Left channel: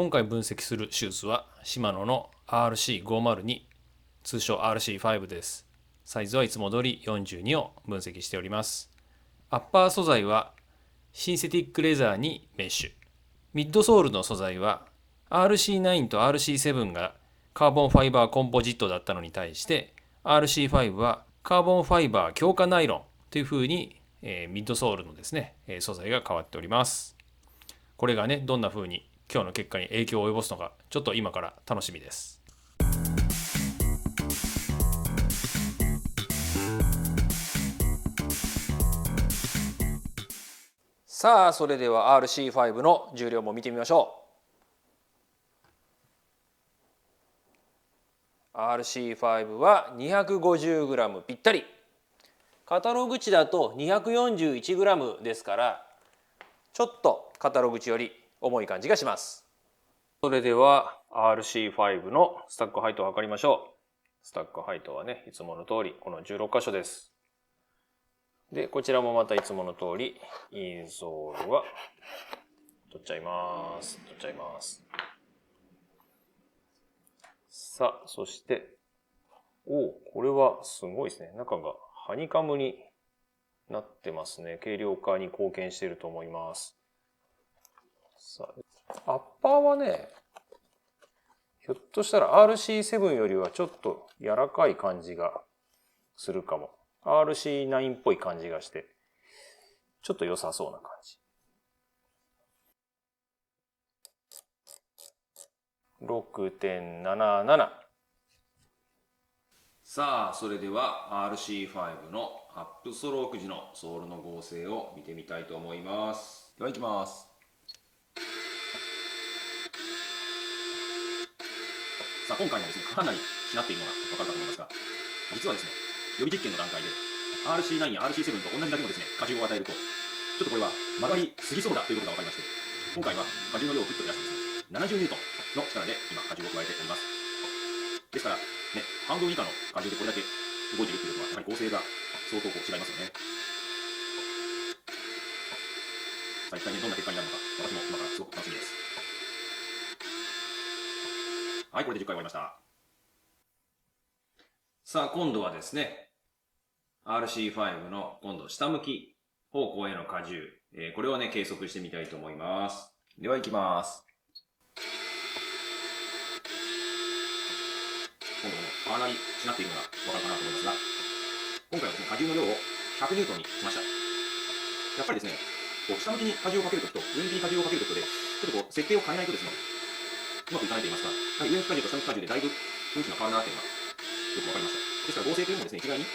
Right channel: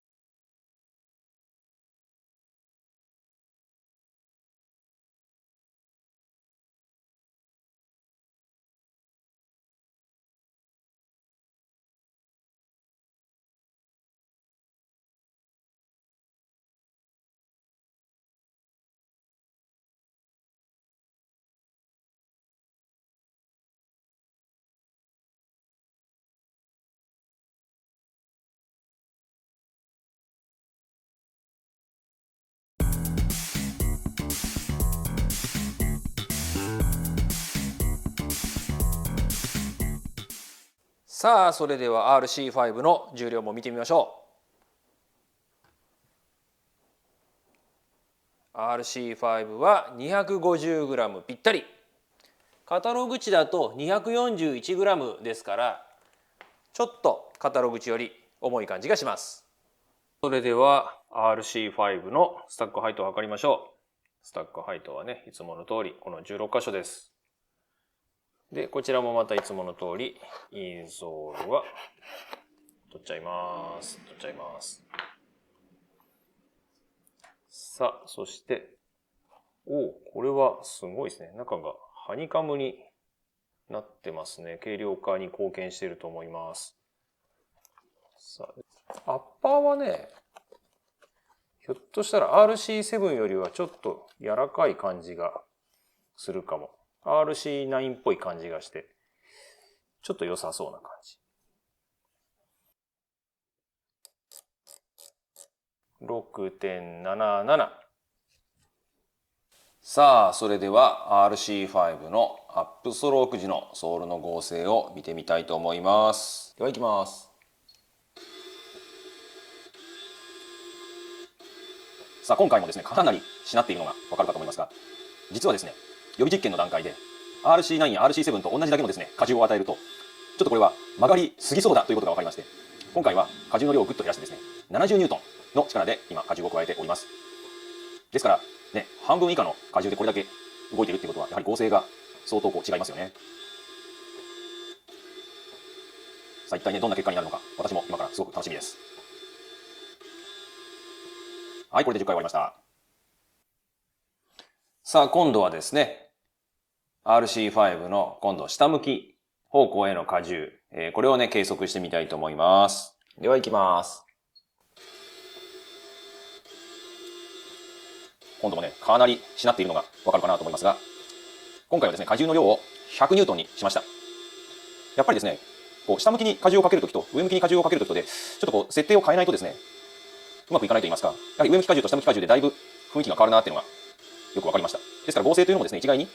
今回分析するシューズはシマノの RC502 通称 RC5 です。サイズはいつも通り42を分析しております。アッパー素材はシンセティックレザーにメッシュ、ミッドソールの素材は RC9 と RC7 がカーボンファイバーコンポジットだったのに対して RC5 はカーボンファイバー強化ナイロンという風にミッドソールのですね素材が変わっております。これがねどんな風に今日の結果に影響を及ぼすのかちょっと今から楽しみです。さあそれでは RC5 の重量も見てみましょう。 RC5 は 250g ぴったり。カタログ値だと 241g ですからちょっとカタログ値より重い感じがします。それでは RC5 のスタックハイトを測りましょう。スタックハイトはねいつもの通りこの16箇所です。でこちらもまたいつもの通りインソールは取っちゃいます。さあそしてこれはすごいですね。中がハニカムになってますね。軽量化に貢献していると思います。さあアッパーはねひょっとしたら RC7 よりはちょっと柔らかい感じがするかも。RC9 っぽい感じがしてちょっと良さそうな感じ。6.77。さあそれでは RC5 のアップストローク時のソールの剛性を見てみたいと思います。ではいきます。さあ今回もですねかなりしなっているのが分かるかと思いますが、実はですね予備実験の段階で RC9 や RC7 と同じだけのですね荷重を与えるとちょっとこれは曲がりすぎそうだということが分かりまして、今回は荷重の量をぐっと減らしてですね70ニュートンの力で今荷重を加えております。ですからね半分以下の荷重でこれだけ動いているということはやはり剛性が相当違いますよね。さあ一体ねどんな結果になるのか私も今からすごく楽しみです。はい、これで10回終わりました。さあ今度はですね RC5 の今度下向き方向への荷重、これをね計測してみたいと思います。ではいきます。今度もねかなりしなっているのが分かるかなと思いますが、今回はですね荷重の量を100ニュートンにしました。やっぱりですねこう下向きに荷重をかけるときと上向きに荷重をかけるときとでちょっとこう設定を変えないとですねうまくいかないと言いますか、やはり上向き荷重と下向き荷重でだいぶ雰囲気が変わるなっていうのがよく分かりました。ですから剛性というのもですね一概に、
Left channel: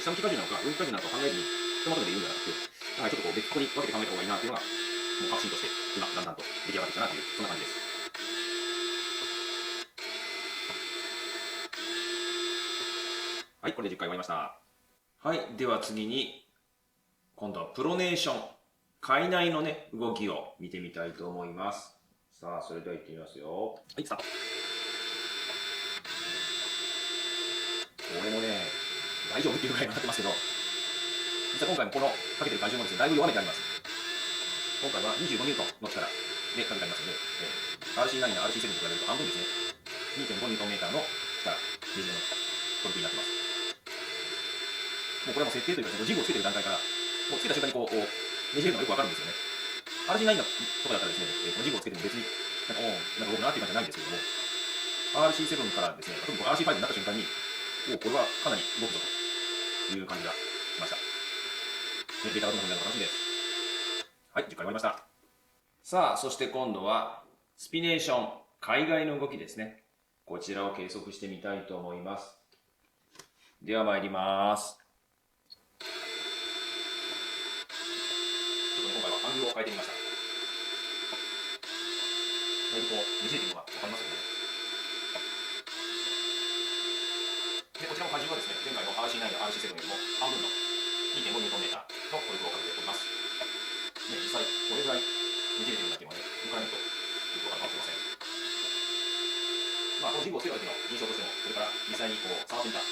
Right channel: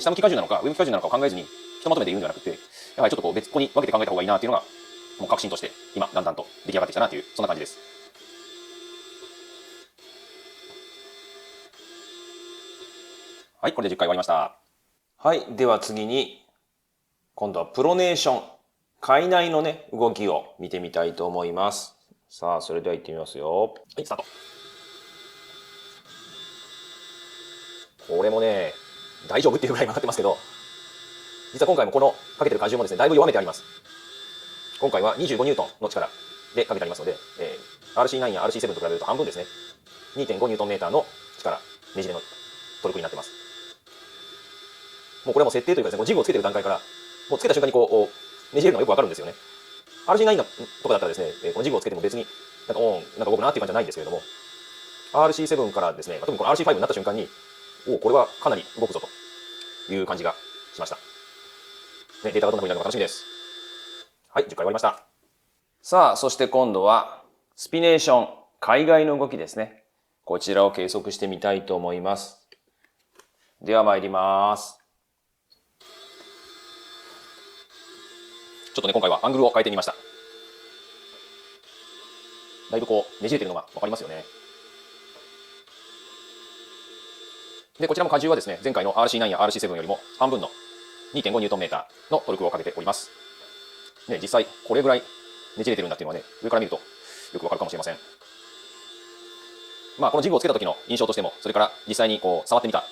下向き荷重なのか上向き荷重なのかを考えずにひとまとめで言うんじゃなくて、やはりちょっとこう別個に分けて考えた方がいいなっていうのがもう確信として今だんだんと出来上がってきたなというそんな感じです。はい、これで10回終わりました。はい、では次に今度はプロネーション、界内のね動きを見てみたいと思います。さあそれでは行ってみますよ。はい、スタート。これもね大丈夫っていうぐらい曲がってますけど、実は今回もこのかけてる荷重もですねだいぶ弱めてあります。今回は25ニュートンの力でかけてありますので、RC9 や RC7 と比べると半分ですね。2.5 ニュートンメーターの力、ねじれのトルクになってます。もうこれはもう設定というかですね、ジグをつけてる段階からもうつけた瞬間にこうねじれるのがよくわかるんですよね。RC9 とかだったらですね、このジグをつけても別になんか動くなっていう感じじゃないんですけれども、RC7 からですね、特にこの RC5 になった瞬間にこれはかなり動くぞという感じがしました。データがどんな風になるのか楽しみです。はい、10回終わりました。さあそして今度はスピネーション、海外の動きですね。こちらを計測してみたいと思います。では参ります。ちょっとね今回はアングルを変えてみました。だいぶこうねじれてるのが分かりますよね。でこちらも荷重はですね前回の RC9 や RC7 よりも半分の 2.5 ニュートンメーターのトルクをかけております。ね、実際これぐらいねじれてるんだっていうのはね上から見るとよくわかるかもしれません。まあこのジグをつけた時の印象としても、それから実際にこう触ってみた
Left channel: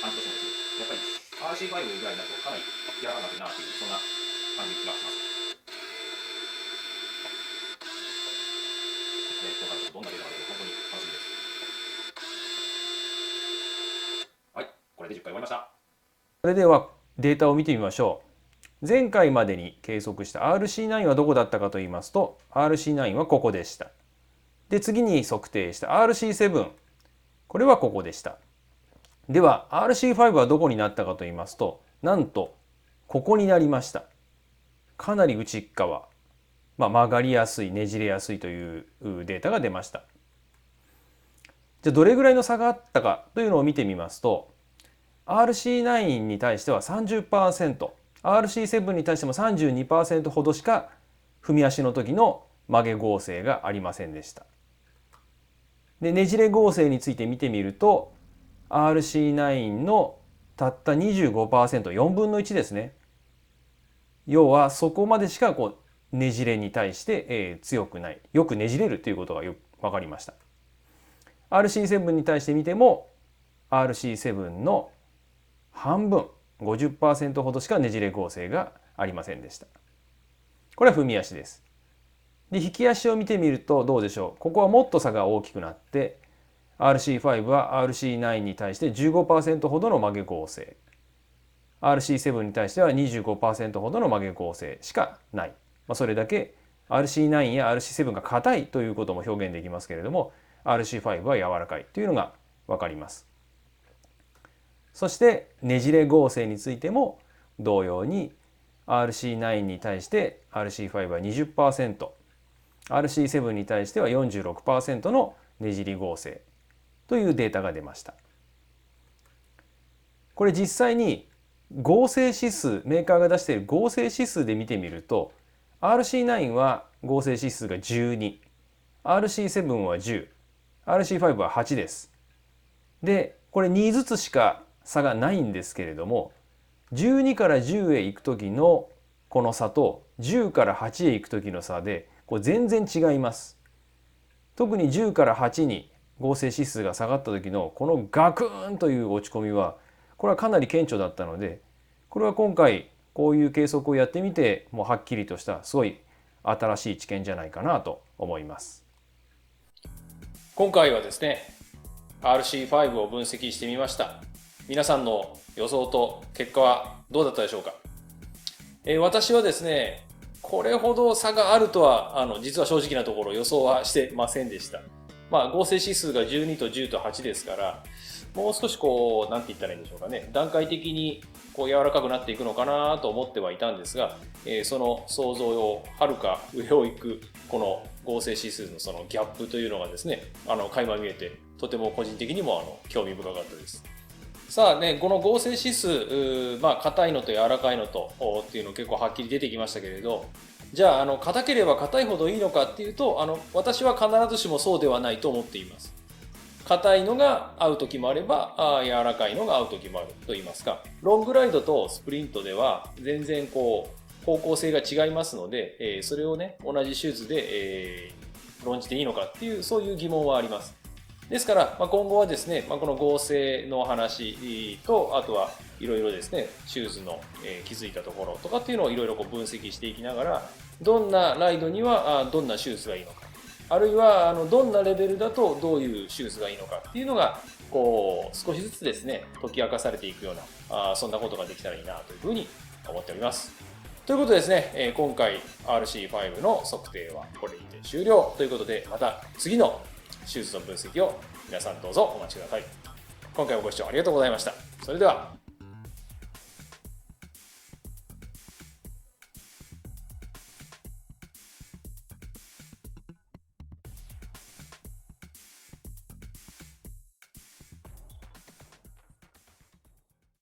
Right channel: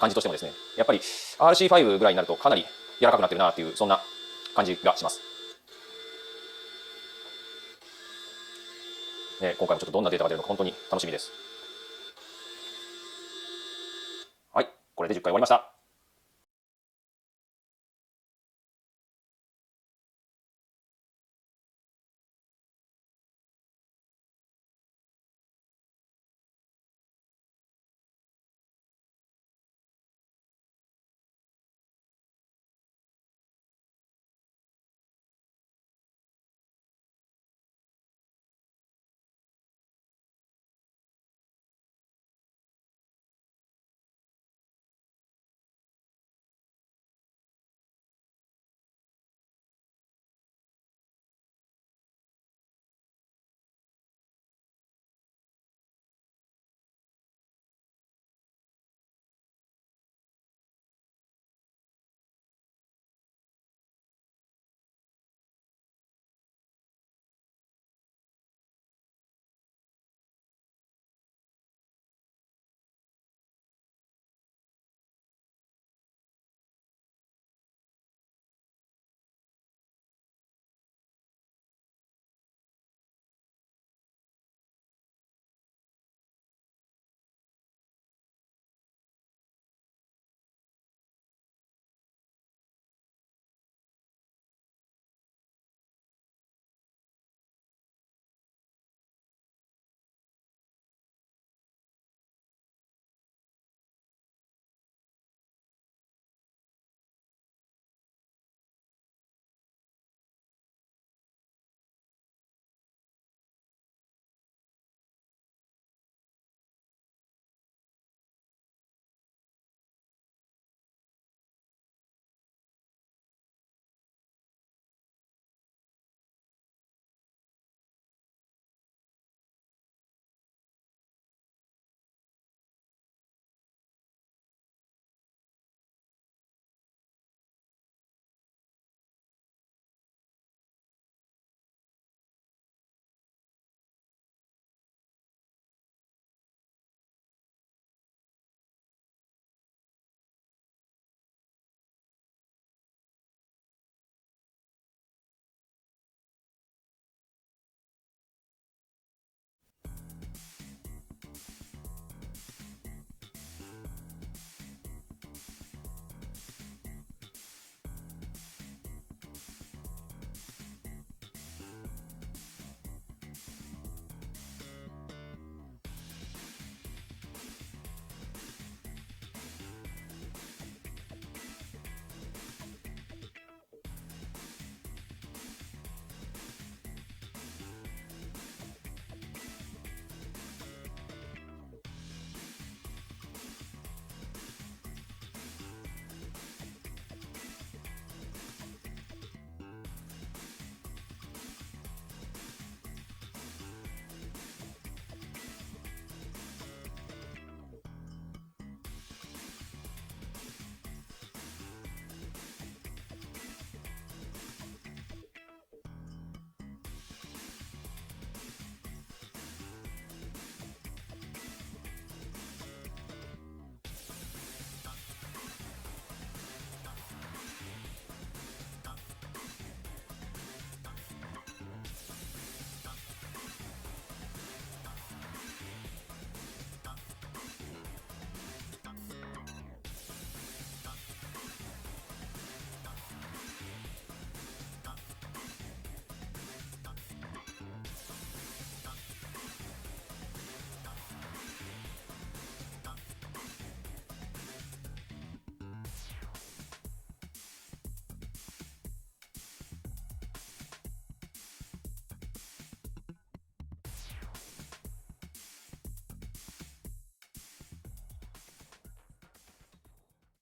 感じとしてもですね、やっぱり RC5 ぐらいになるとかなり柔らかくなってるなというそんな感じがします。今回もちょっとどんなデータが出るのか本当に楽しみです。はい、これで10回終わりました。それではデータを見てみましょう。前回までに計測した RC9 はどこだったかと言いますと、RC9 はここでした。で、次に測定した RC7、これはここでした。では RC5 はどこになったかと言いますと、なんとここになりました。かなり内側、曲がりやすい、ねじれやすいというデータが出ました。じゃあどれぐらいの差があったかというのを見てみますと、RC9 に対しては 30%、RC7 に対しても 32% ほどしか踏み足の時の曲げ合成がありませんでした。で、ねじれ合成について見てみると、RC9 のたった 25%、4分の1ですね。要はそこまでしかねじれに対して強くない。よくねじれるということが分かりました。RC7 に対して見ても RC7 の半分 50% ほどしかねじれ合成がありませんでした。これは踏み足です。で、引き足を見てみるとどうでしょう。ここはもっと差が大きくなって RC5 は RC9 に対して 15% ほどの曲げ合成、 RC7 に対しては 25% ほどの曲げ合成しかない。それだけ RC9 や RC7 が硬いということも表現できますけれども、 RC5 は柔らかいというのが分かります。そしてねじれ合成についても同様に RC9 に対して RC5 は 20%、 RC7 に対しては 46% のねじり合成というデータが出ました。これ実際に合成指数、メーカーが出している合成指数で見てみると、 RC9 は合成指数が12、 RC7 は10、 RC5 は8です。で、これ2ずつしか差がないんですけれども、12から10へ行く時のこの差と10から8へ行く時の差で全然違います。特に10から8に合成指数が下がった時のこのガクーンという落ち込みは、これはかなり顕著だったので、これは今回こういう計測をやってみてもうはっきりとしたすごい新しい知見じゃないかなと思います。今回はですね RC5 を分析してみました。皆さんの予想と結果はどうだったでしょうか。私はですねこれほど差があるとは実は正直なところ予想はしてませんでした。合成指数が12と10と8ですから、もう少しなんて言ったらいいんでしょうかね、段階的に柔らかくなっていくのかなと思ってはいたんですが、その想像をはるか上を行くこの合成指数のそのギャップというのがですね垣間見えて、とても個人的にも興味深かったです。さあね、この合成指数、硬いのと柔らかいのとっていうの結構はっきり出てきましたけれど、じゃあ硬ければ硬いほどいいのかっていうと私は必ずしもそうではないと思っています。硬いのが合う時もあれば柔らかいのが合う時もあるといいますか、ロングライドとスプリントでは全然方向性が違いますので、それをね同じシューズで、論じていいのかっていうそういう疑問はあります。ですから、今後はですね、この合成の話と、あとはいろいろですねシューズの、気づいたところとかっていうのをいろいろ分析していきながら、どんなライドにはどんなシューズがいいのか、あるいはどんなレベルだとどういうシューズがいいのかっていうのが少しずつですね解き明かされていくようなそんなことができたらいいなというふうに思っております。ということでですね、今回 RC5 の測定はこれにて終了ということで、また次のシューズの分析を皆さんどうぞお待ちください。今回もご視聴ありがとうございました。それでは。